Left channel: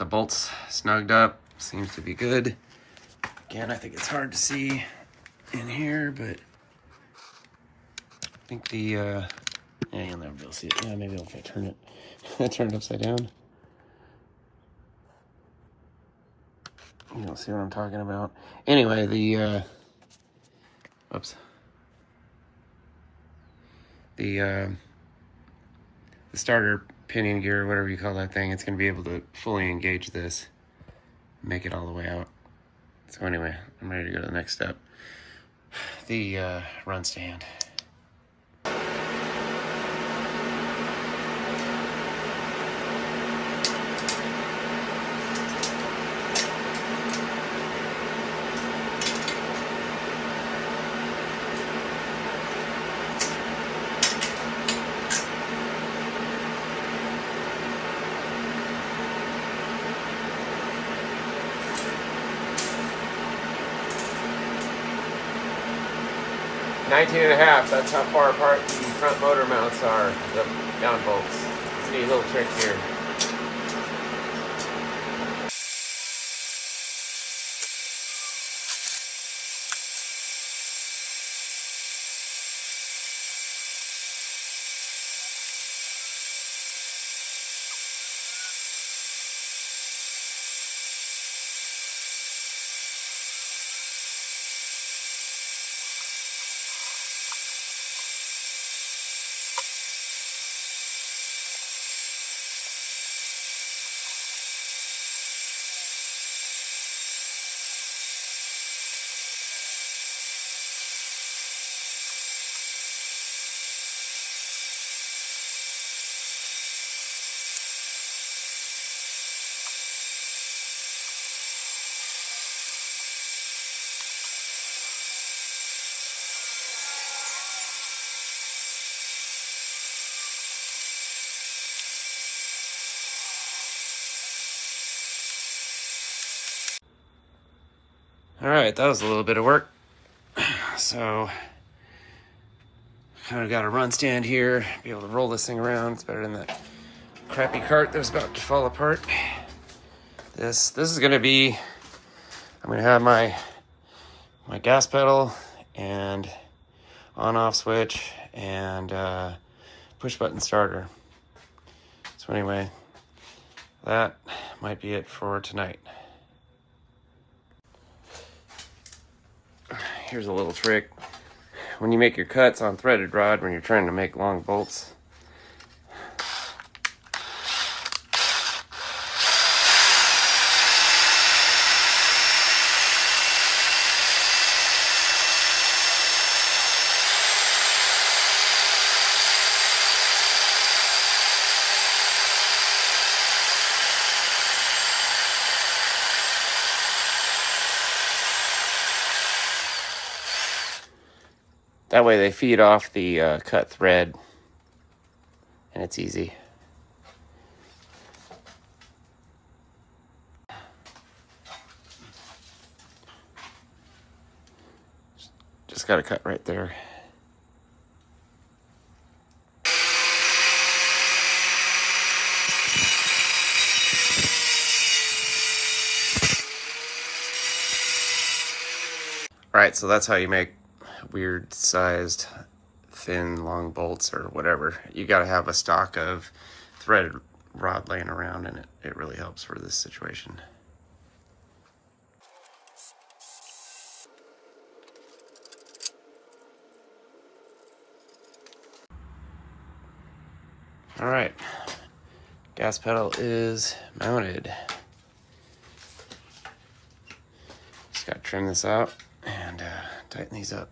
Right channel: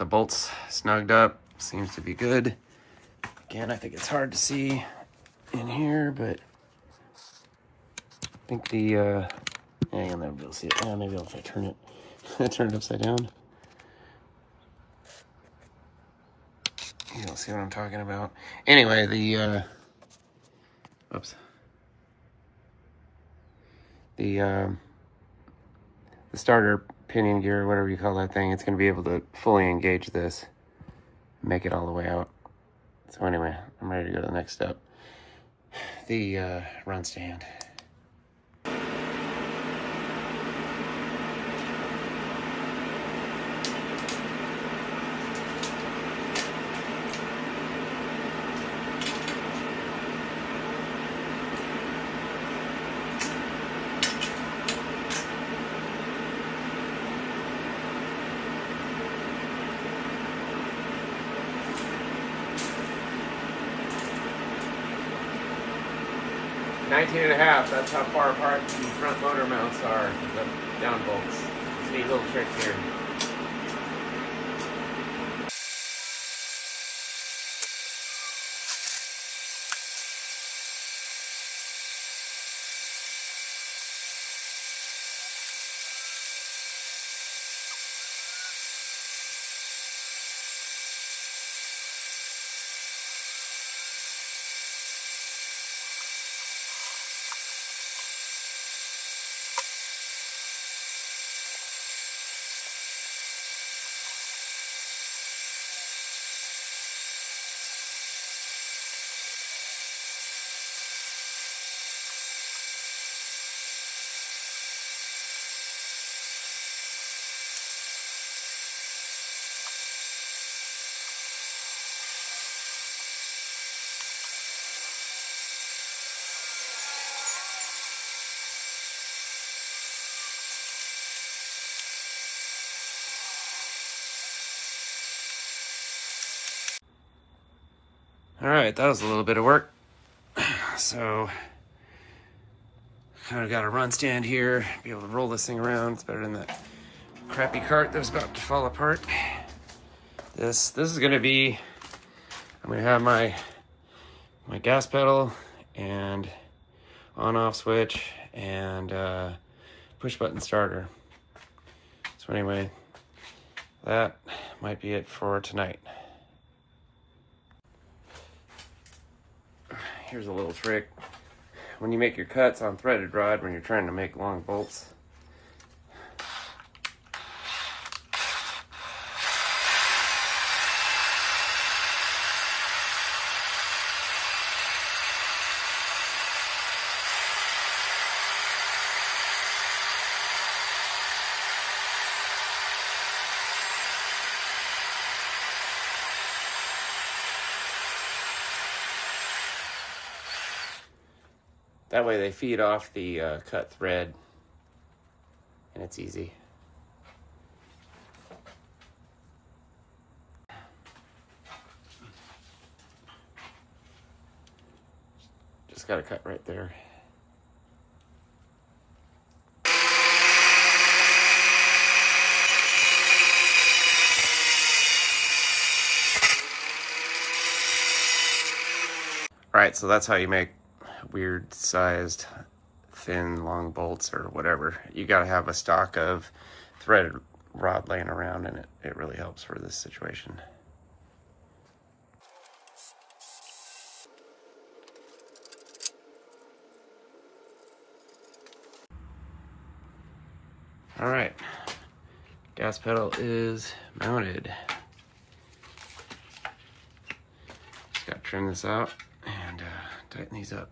the bolts snugged up. Seems to be good. Again, I think it's hard to see in here, but I think the, yeah, you'll never be able to see it. Yeah, maybe if I turn it, turn it upside down. You'll see what I'm talking about. Anyway, the, oops. The starter pinion gear, whatever you call that thing, it's going to be able to fully engage this, make it all the way out. So anyway, I'm ready to go to the next step. The run stand. .5, that's how far apart the front motor mounts are, the down bolts. It's a neat little trick here. All right, that was a little bit of work. So, kind of got a run stand here, be able to roll this thing around. It's better than that crappy cart that was about to fall apart. This is gonna be, I'm gonna have my gas pedal and on-off switch and push button starter. So anyway, that might be it for tonight. Here's a little trick. When you make your cuts on threaded rod, when you're trying to make long bolts, that way they feed off the cut thread, and it's easy. Just got to cut right there. All right, so that's how you make weird sized thin long bolts or whatever. You got to have a stock of threaded rod laying around, and it really helps for this situation. All right, gas pedal is mounted. Just got to trim this out and tighten these up.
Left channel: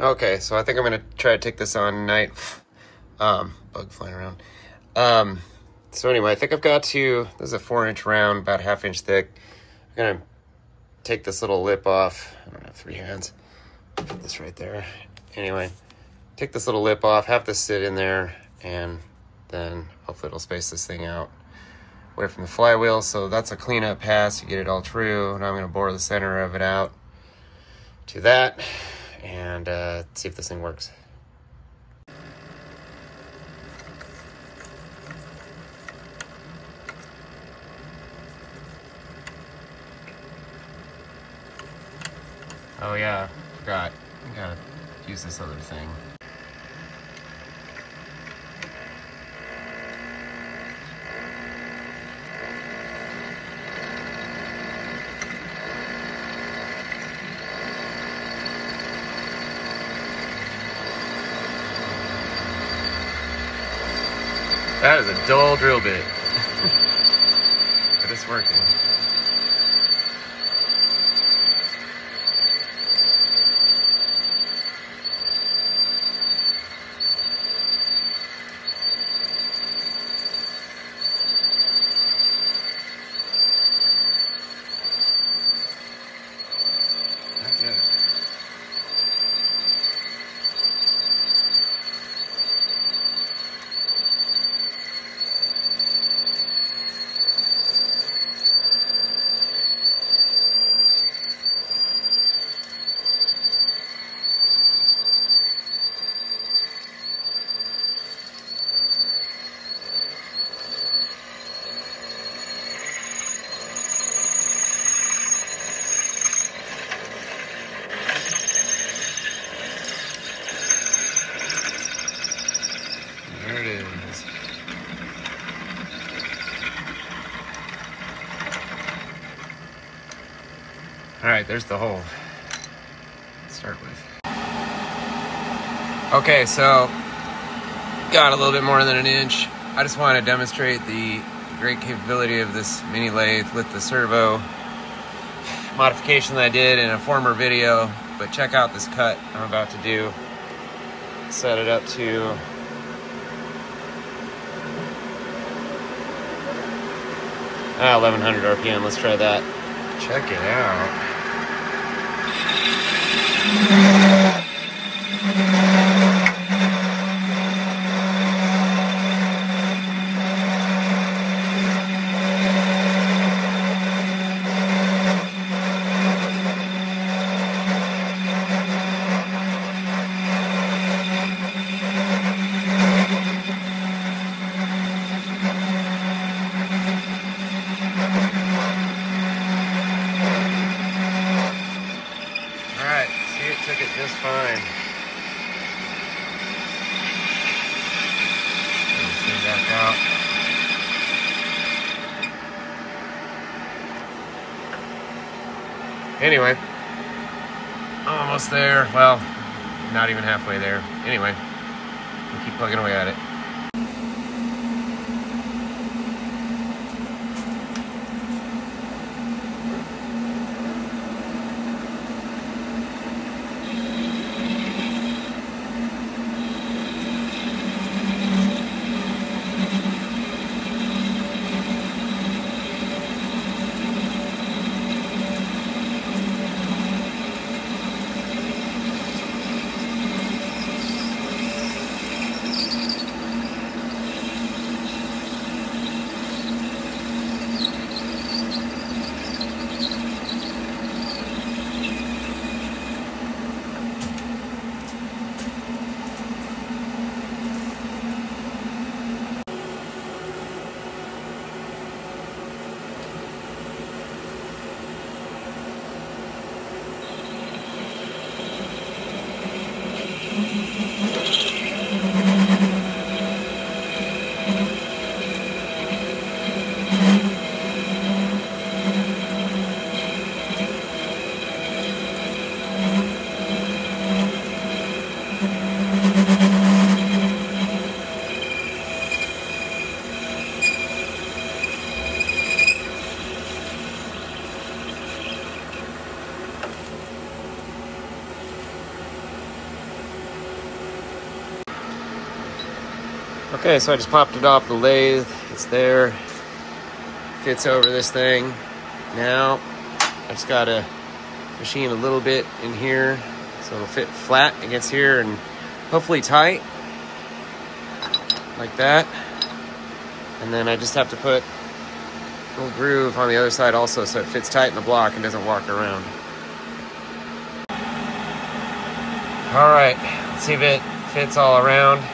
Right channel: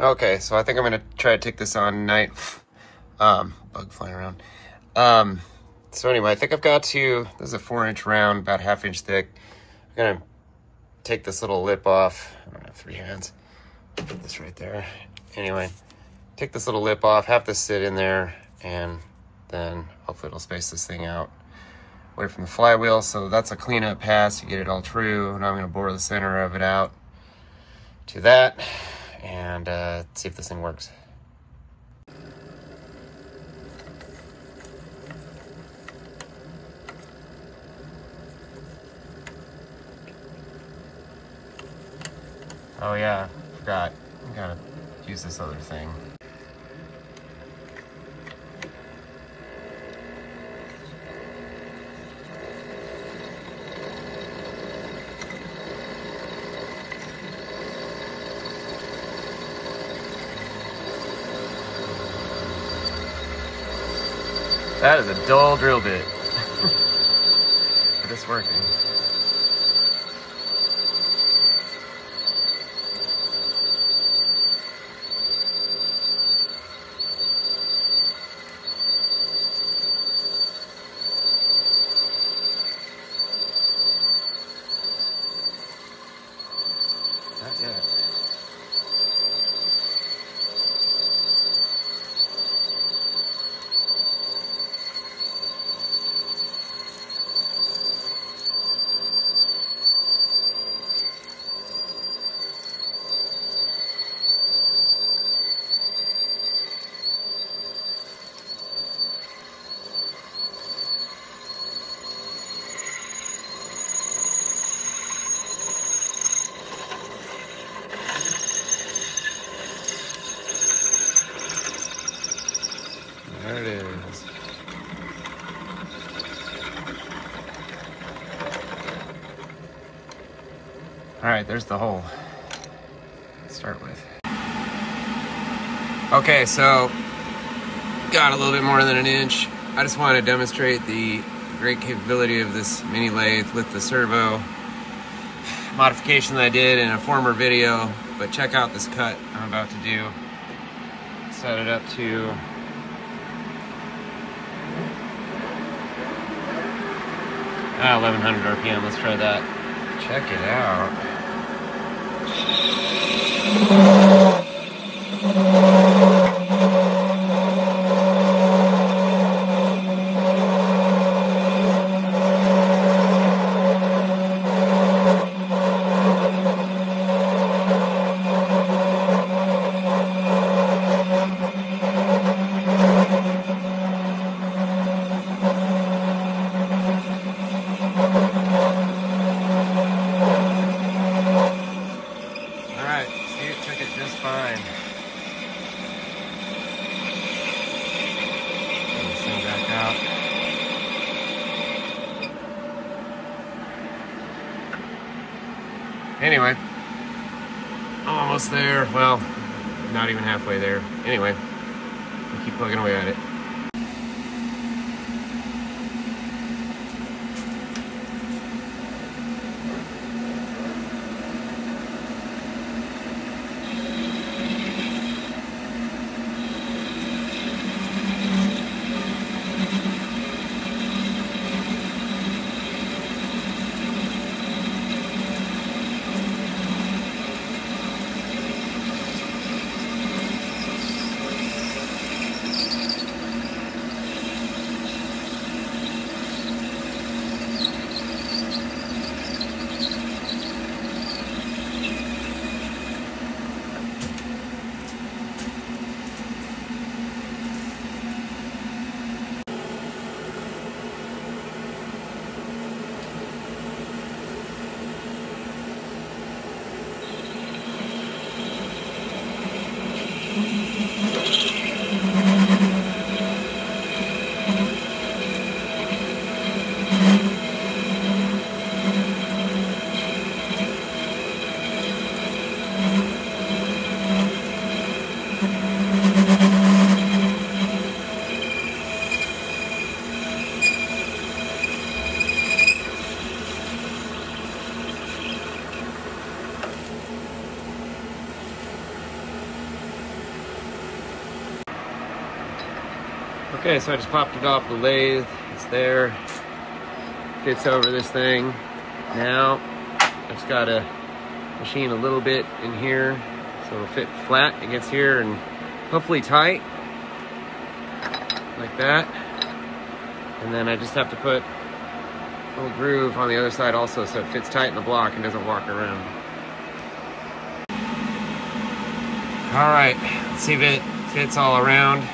Okay, so I think I'm gonna try to take this on tonight. Bug flying around. So anyway, I think I've got to, this is a 4-inch round, about 1/2 inch thick. I'm gonna take this little lip off. I don't have 3 hands. Put this right there. Anyway, take this little lip off, have this sit in there, and then hopefully it'll space this thing out away from the flywheel. So that's a cleanup pass, you get it all true. Now I'm gonna bore the center of it out to that and see if this thing works. Oh yeah, forgot. I gotta use this other thing. That is a dull drill bit, but it's working. Not yet. There it is. All right, there's the hole. Let's start with. Okay, so got a little bit more than 1 inch. I just want to demonstrate the great capability of this mini lathe with the servo modification that I did in a former video, but check out this cut I'm about to do. Set it up to 1100 RPM. Let's try that. Check it out. Took it just fine. Get this thing back out. Anyway, almost there. Well, not even halfway there. Anyway, we'll keep plugging away at it. Okay, so I just popped it off the lathe. It's there. Fits over this thing. Now, I just gotta machine a little bit in here so it'll fit flat against here and hopefully tight. Like that. And then I just have to put a little groove on the other side also so it fits tight in the block and doesn't walk around. All right, let's see if it fits all around.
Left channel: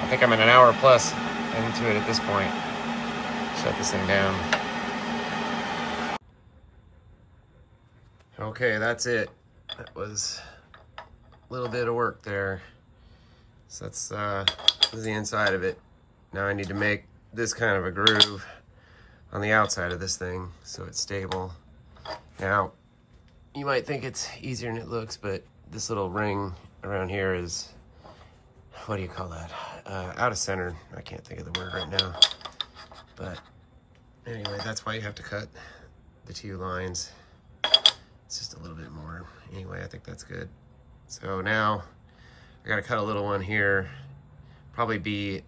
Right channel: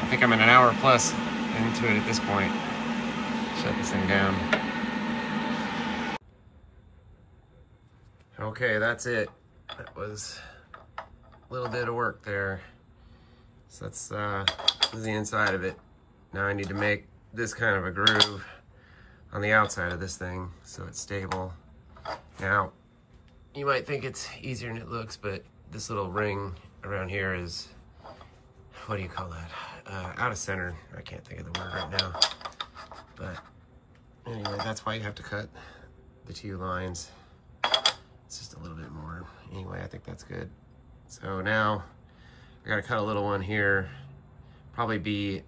I think I'm in an hour plus into it at this point. Shut this thing down. Okay, that's it. That was a little bit of work there. So that's this is the inside of it. Now I need to make this kind of a groove on the outside of this thing so it's stable. Now, you might think it's easier than it looks, but this little ring around here is, what do you call that? Out of center. I can't think of the word right now. But anyway, that's why you have to cut the two lines. It's just a little bit more. Anyway, I think that's good. So now I gotta cut a little one here. Probably be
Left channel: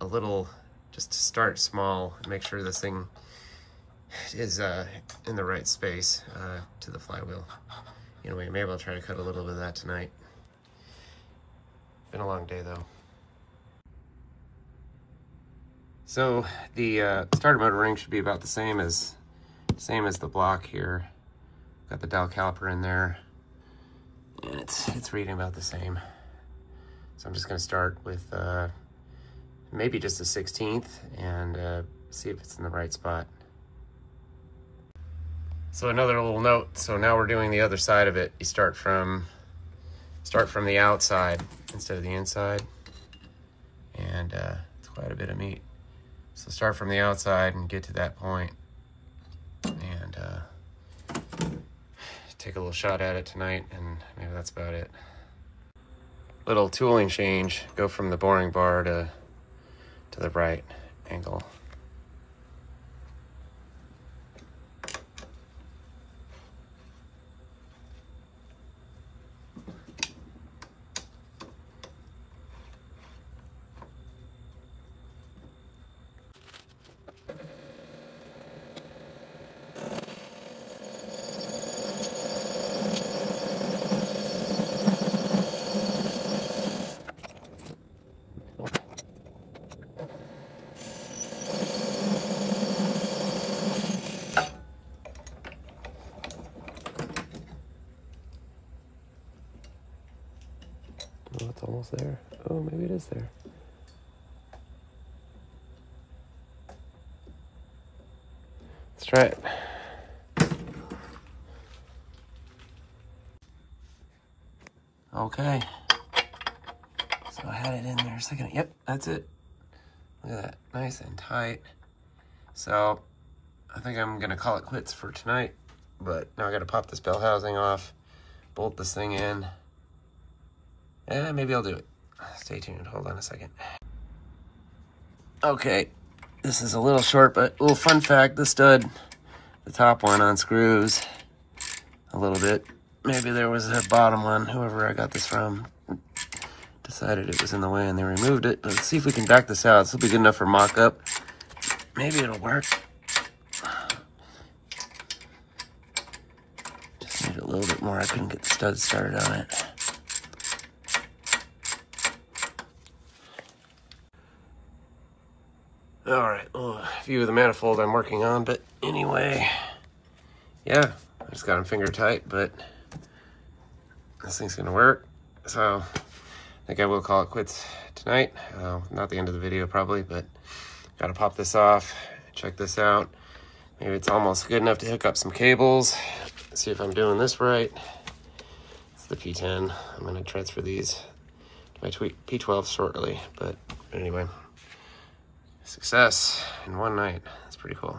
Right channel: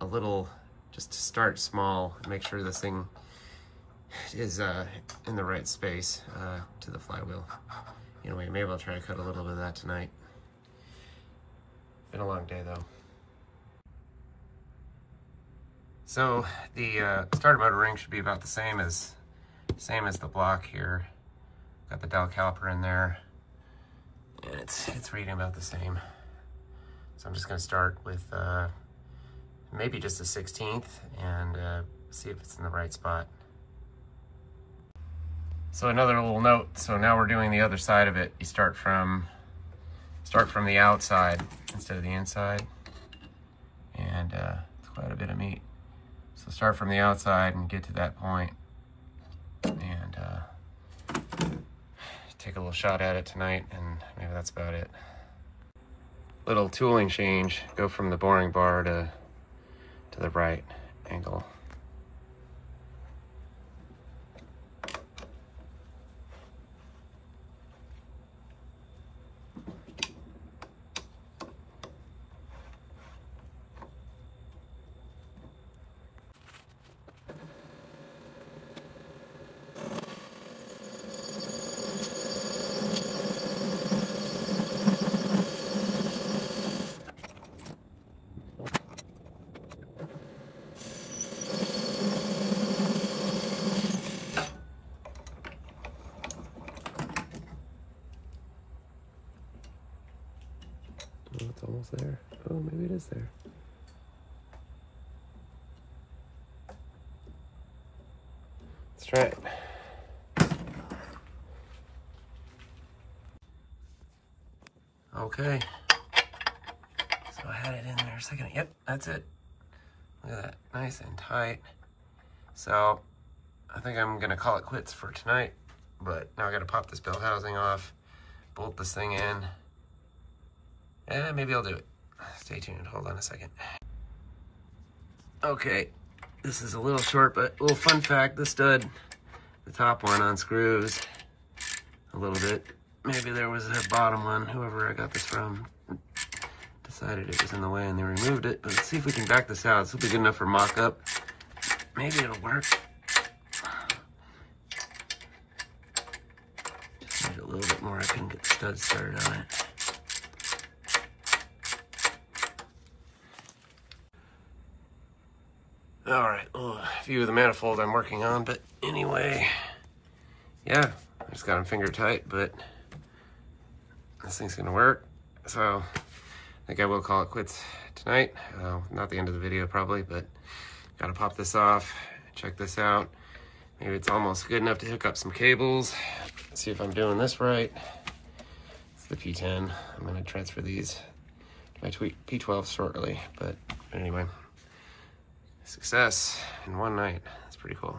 a little, just to start small, make sure this thing is in the right space to the flywheel. Anyway, maybe I'll try to cut a little bit of that tonight. Been a long day though. So the starter motor ring should be about the same as the block here. Got the dowel caliper in there, and it's reading about the same. So I'm just going to start with maybe just a 16th and see if it's in the right spot. So another little note. So now we're doing the other side of it. You start from the outside instead of the inside, and it's quite a bit of meat. So start from the outside and get to that point, and take a little shot at it tonight, and maybe that's about it. Little tooling change. Go from the boring bar to the right angle. Oh, it's almost there. Oh, maybe it is there. Let's try it. Okay. So I had it in there a second. Yep, that's it. Look at that. Nice and tight. So I think I'm going to call it quits for tonight. But now I got to pop this bell housing off, bolt this thing in. And maybe I'll do it. Stay tuned. Hold on a second. Okay. This is a little short, but a little fun fact. The stud, the top one unscrews a little bit. Maybe there was a bottom one. Whoever I got this from decided it was in the way and they removed it. But let's see if we can back this out. This will be good enough for mock-up. Maybe it'll work. Just need a little bit more. I couldn't get the stud started on it. All right, well, view of the manifold I'm working on, but anyway, yeah, I just got them finger tight, but this thing's gonna work. So I think I will call it quits tonight. Not the end of the video probably, but gotta pop this off, check this out. Maybe it's almost good enough to hook up some cables. Let's see if I'm doing this right. It's the P10. I'm gonna transfer these to my P12 shortly, but anyway. Success in one night. That's pretty cool.